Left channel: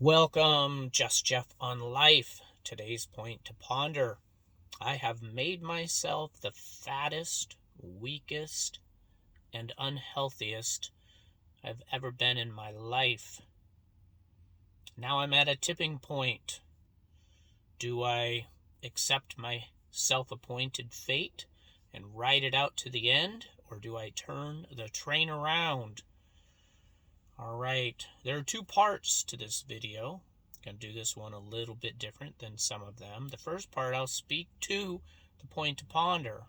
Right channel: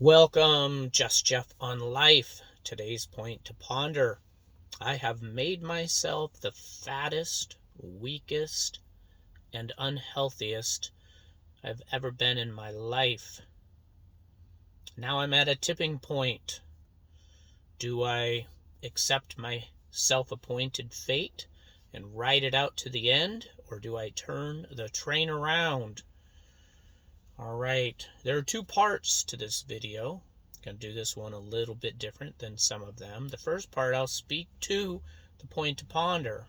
Welcome, Just Jeff on Life. Today's point to ponder. I have made myself the fattest, weakest, and unhealthiest I've ever been in my life. Now I'm at a tipping point. Do I accept my self appointed fate and ride it out to the end, or do I turn the train around? Alright, there are two parts to this video. I'm going to do this one a little bit different than some of them. The first part, I'll speak to the point to ponder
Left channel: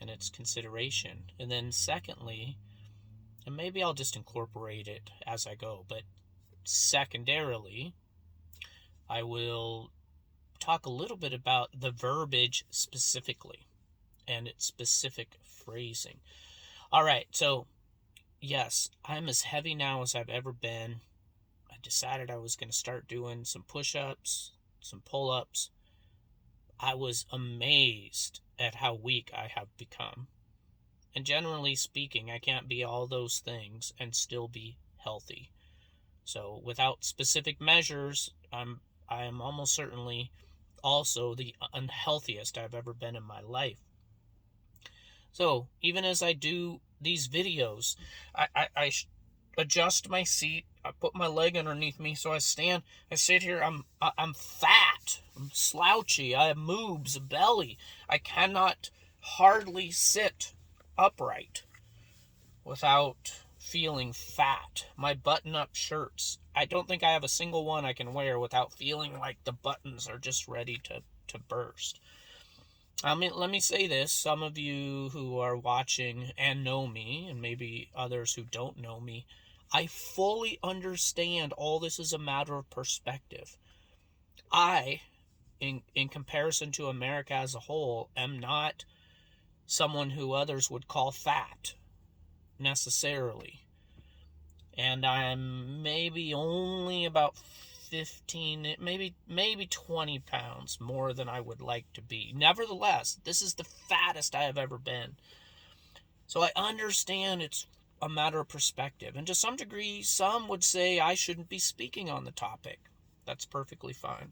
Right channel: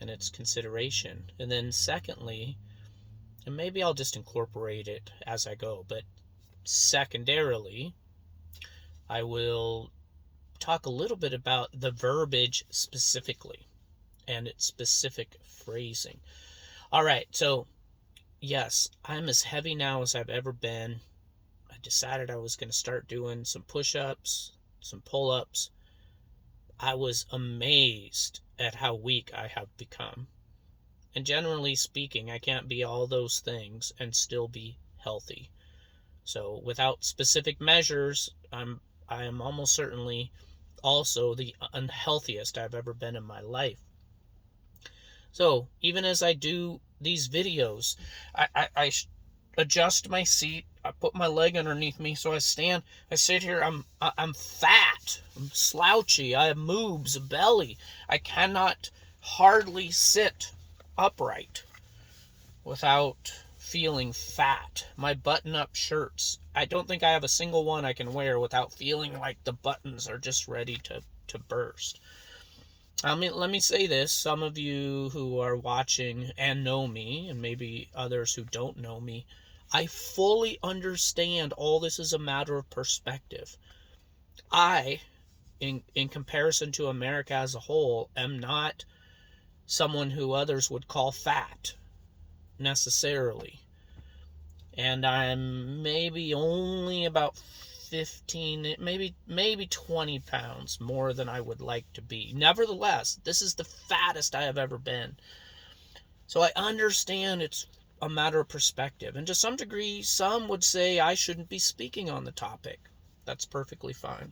and its consideration. And then secondly, and maybe I'll just incorporate it as I go, but secondarily, I will talk a little bit about the verbiage specifically and its specific phrasing. Alright, so yes, I'm as heavy now as I've ever been. I decided I was going to start doing some push-ups, some pull-ups. I was amazed at how weak I have become. And generally speaking, I can't be all those things and still be healthy. So without specific measures, I am almost certainly also the unhealthiest I've ever been in my life. So even as I do these videos, I adjust my seat. I put my leg underneath me, so I stand. I sit here. I'm fat. I'm slouchy. I have moobs, a belly. I cannot hardly sit upright without feeling fat. My button-up shirts, I don't think I have a single one I can wear without feeling like the buttons are just ready to burst. Let me say this. Some of you who are watching and know me, and maybe others who don't know me, I fully understand all this is a matter of perspective. I, in comparison to America as a whole, am not someone who others would call fat, necessarily. And I'm maybe only about 15, maybe 20 pounds more than I would like to be. Nevertheless, this is the fattest I have ever been. So I understand it's a matter of perspective. And to some degree, some would say I shouldn't be speaking on the topic. That's perfectly fine.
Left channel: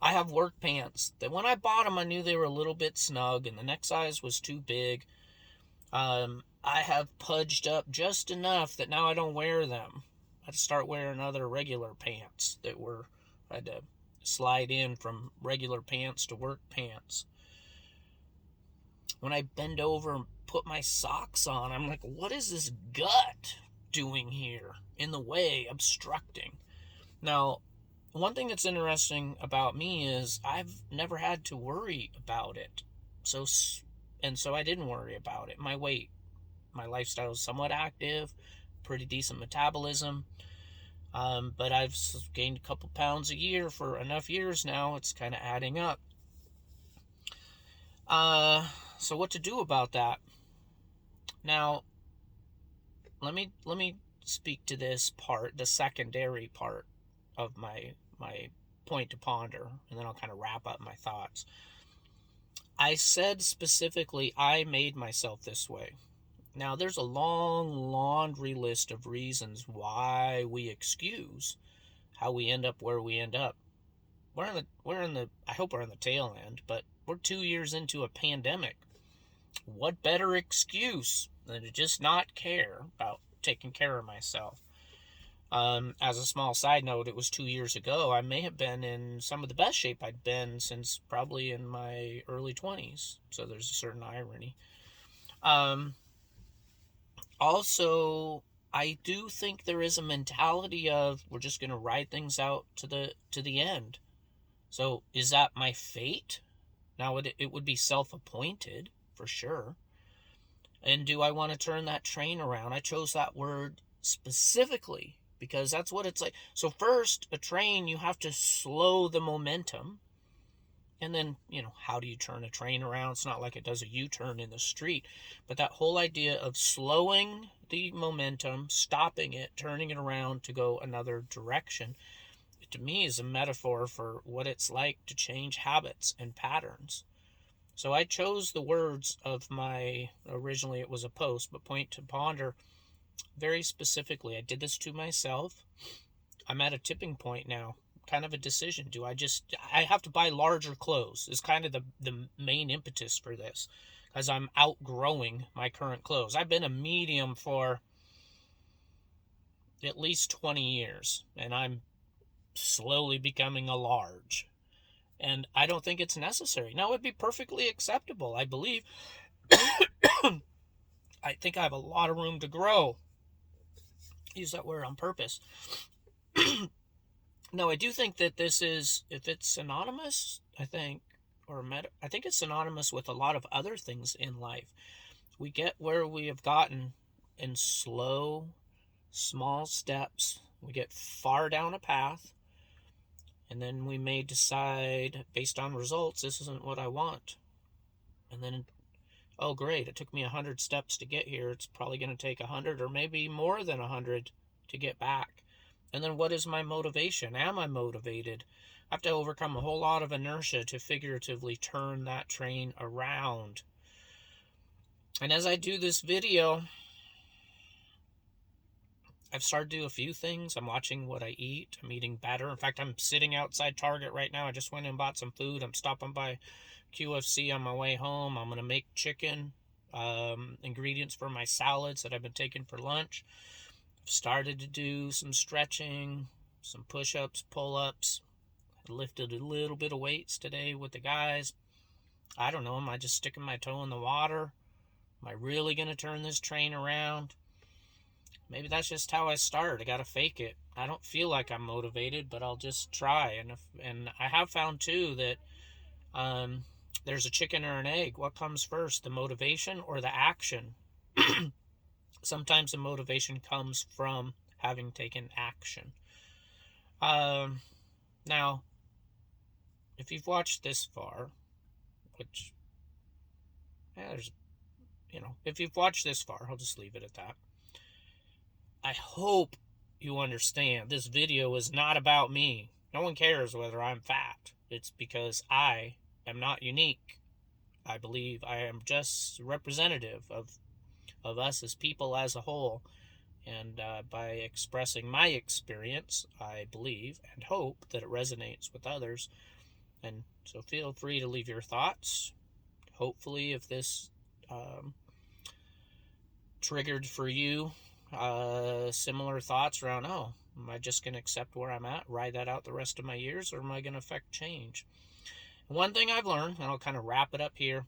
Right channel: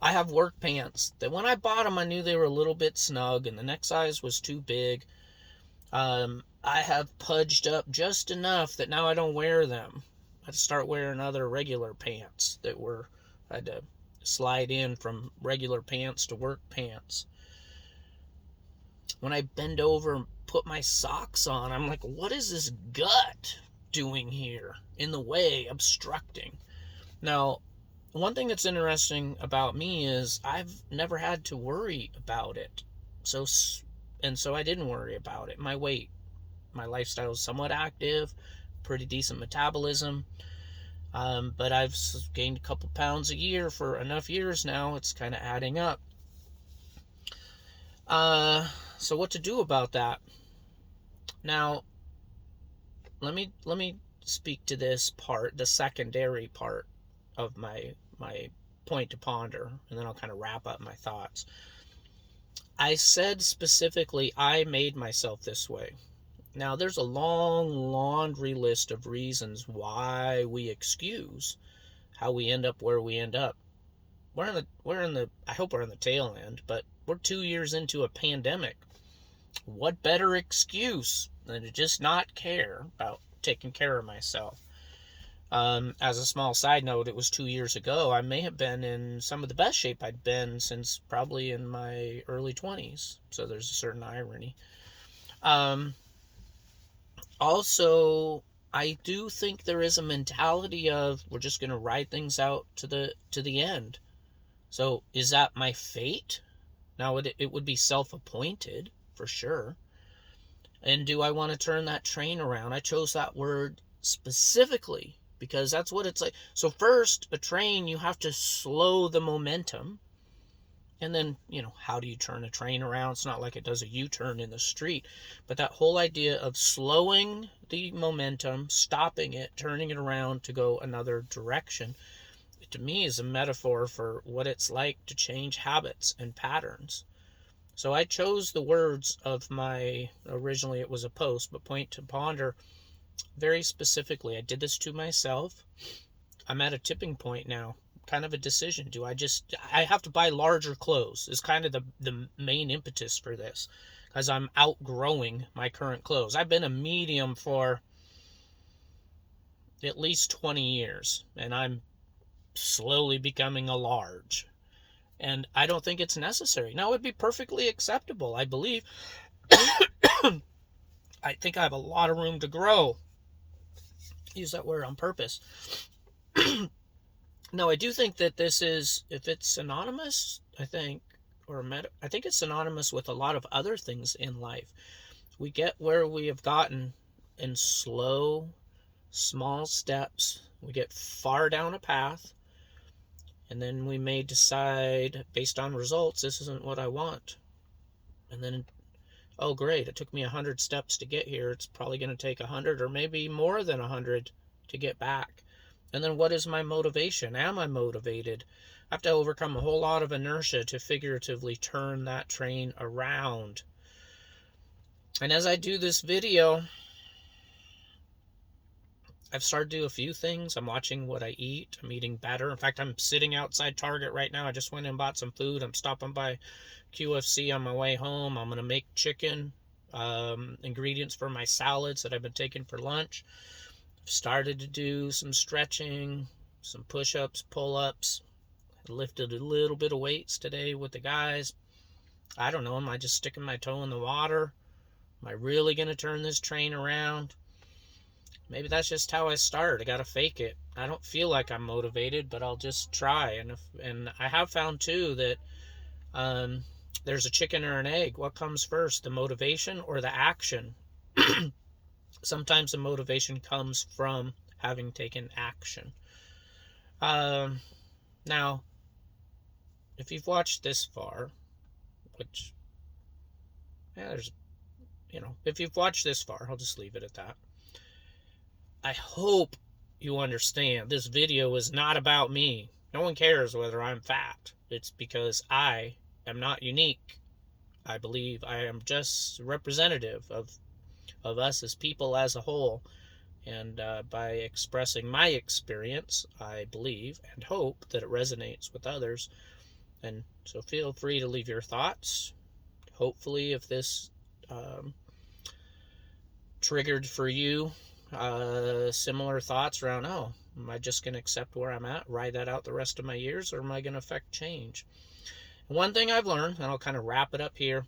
I have work pants that when I bought them, I knew they were a little bit snug and the neck size was too big. I have pudged up just enough that now I don't wear them. I had to start wearing other regular pants I had to slide in from regular pants to work pants. When I bend over and put my socks on, I'm like, what is this gut doing here? In the way, obstructing. Now, one thing that's interesting about me is I've never had to worry about it. So I didn't worry about it. My weight, my lifestyle is somewhat active, pretty decent metabolism, but I've gained a couple pounds a year for enough years now. It's kind of adding up. So what to do about that? Now, let me speak to this part, the secondary part of my point to ponder, and then I'll kind of wrap up my thoughts. I said specifically, I made myself this way. Now, there's a long laundry list of reasons why we excuse how we end up where we end up. I hope we're in the tail end, but we're 2 years into a pandemic. What better excuse than to just not care about taking care of myself? As a small side note, it was 2 years ago. I may have been in some of the best shape I'd been since probably in my early 20s. So there's a certain irony. Also, I do think there is a mentality of we're just going to ride things out to the end. So is that my fate? Now it would be self-appointed for sure. And do I want to turn that train around? I chose that word specifically because that's what it's like. So first, a train, you have to slow the momentum. And then, how do you turn a train around? It's not like it does a U-turn in the street. But that whole idea of slowing the momentum, stopping it, turning it around to go another direction, to me is a metaphor for what it's like to change habits and patterns. So I chose the words of originally it was a post, but point to ponder very specifically. I did this to myself I'm at a tipping point now, kind of a decision. I have to buy larger clothes is kind of the main impetus for this, because I'm outgrowing my current clothes. I've been a medium for at least 20 years, and I'm slowly becoming a large. And I don't think it's necessary. Now, it would be perfectly acceptable, I believe. I think I have a lot of room to grow. Use that word on purpose. No, I do think that this is, if it's synonymous, I think, I think it's synonymous with a lot of other things in life. We get where we have gotten in slow, small steps. We get far down a path, and then we may decide, based on results, this isn't what I want. And then, oh great, it took me 100 steps to get here. It's probably going to take 100 or maybe more than 100 to get back. And then what is my motivation? Am I motivated? I have to overcome a whole lot of inertia to figuratively turn that train around. And as I do this video, I've started to do a few things. I'm watching what I eat. I'm eating better. In fact, I'm sitting outside Target right now. I just went and bought some food. I'm stopping by QFC on my way home. I'm going to make chicken ingredients for my salads that I've been taking for lunch. I've started to do some stretching, some push-ups, pull-ups. I lifted a little bit of weights today with the guys. I don't know, am I just sticking my toe in the water? Am I really going to turn this train around? Maybe that's just how I start. I got to fake it. I don't feel like I'm motivated, but I'll just try. And I have found, too, that there's a chicken or an egg. What comes first, the motivation or the action? Sometimes the motivation comes from having taken action. Now, if you've watched this far, which, if you've watched this far, I'll just leave it at that. I hope you understand this video is not about me. No one cares whether I'm fat. It's because I am not unique. I believe I am just representative of us as people as a whole. And by expressing my experience, I believe and hope that it resonates with others. And so feel free to leave your thoughts. Hopefully, if this triggered for you similar thoughts around, oh, am I just going to accept where I'm at, ride that out the rest of my years, or am I going to affect change? One thing I've learned, and I'll kind of wrap it up here,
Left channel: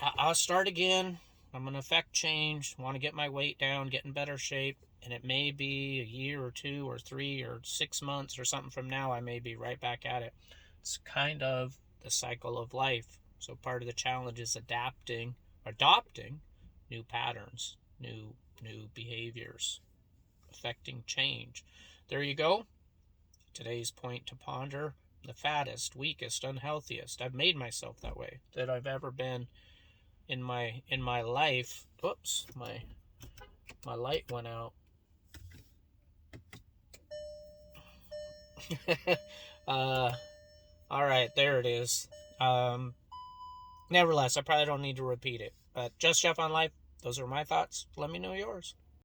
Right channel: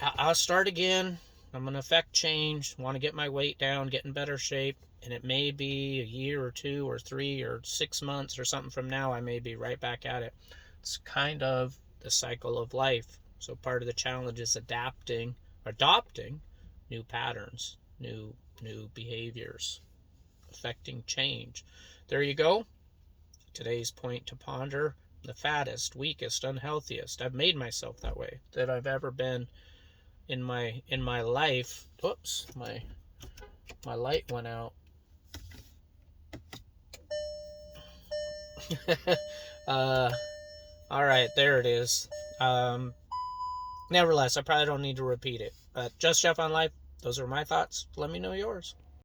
I'll start again. I'm going to affect change, want to get my weight down, get in better shape, and it may be a year or 2 or 3 or 6 months or something from now, I may be right back at it. It's kind of the cycle of life. So part of the challenge is adopting new patterns, new behaviors, affecting change. There you go. Today's point to ponder: the fattest, weakest, unhealthiest. I've made myself that way, that I've ever been in my life. Oops, my light went out. All right, there it is. Nevertheless, I probably don't need to repeat it. Just Jeff on Life. Those are my thoughts. Let me know yours.